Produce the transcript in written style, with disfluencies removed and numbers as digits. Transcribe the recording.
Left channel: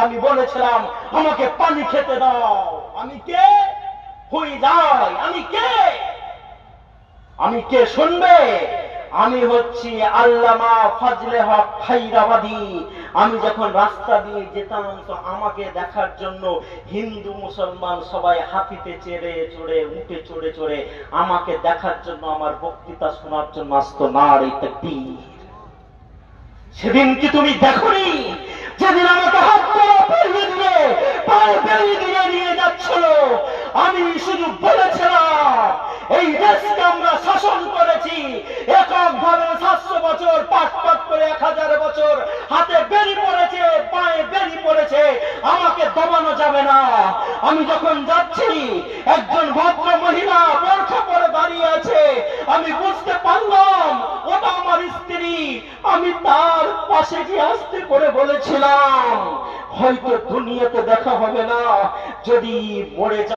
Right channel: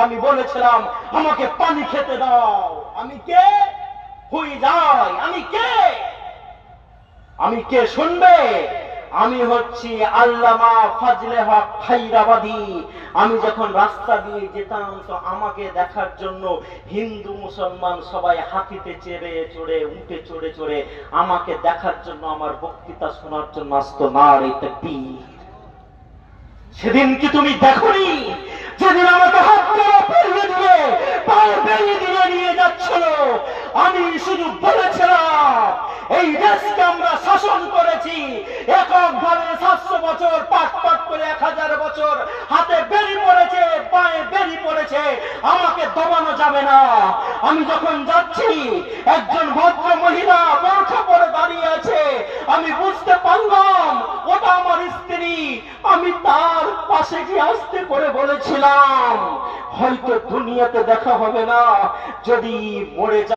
আমি বলেছিলাম আমাকে পানি খেতে দাও। আমি কে? হয়ে যাই আমি কে? আমি কে শুনবে? আমি হচ্ছি আল্লামা ফাজলে হক খাইরাবাদী। আমি যখন রাস্তা দিয়ে যেতাম তো আমাকে দেখার জন্য হিন্দু মুসলমান সবাই হাতিতে চেড়ে চড়ে উঠে চড়ে চড়ে আমাকে দেখার জন্য আমার বক্তৃতা শোনার জন্য আসতো। নারে তাকবীর। সেদিন কি তুমি দেখোনি? যেদিন আমাকে হাত ধরে পেরিয়ে দিয়ে পায়ে বেরিয়ে দিয়ে নিয়ে যাচ্ছিল, আমি শুধু বলেছিলাম এই দেশকে আমরা শাসন করেছি এককভাবে 700 বছর, পাট পাট করে 1000 বছর হাতে বেরি পড়েছে, পায়ে বেরি পড়েছে, আমাকে দমানো যাবে না। আমি যখন যাচ্ছি একজন ভদ্র মহিলা বোরখা পরে দাঁড়িয়ে আছে, আমি বুঝতে পারলাম ওটা আমার স্ত্রী। আমি তার পাশে গিয়ে আস্তে করে বলেছিলাম হয়তো দুনিয়াতে দেখা হবে না, যদি মরে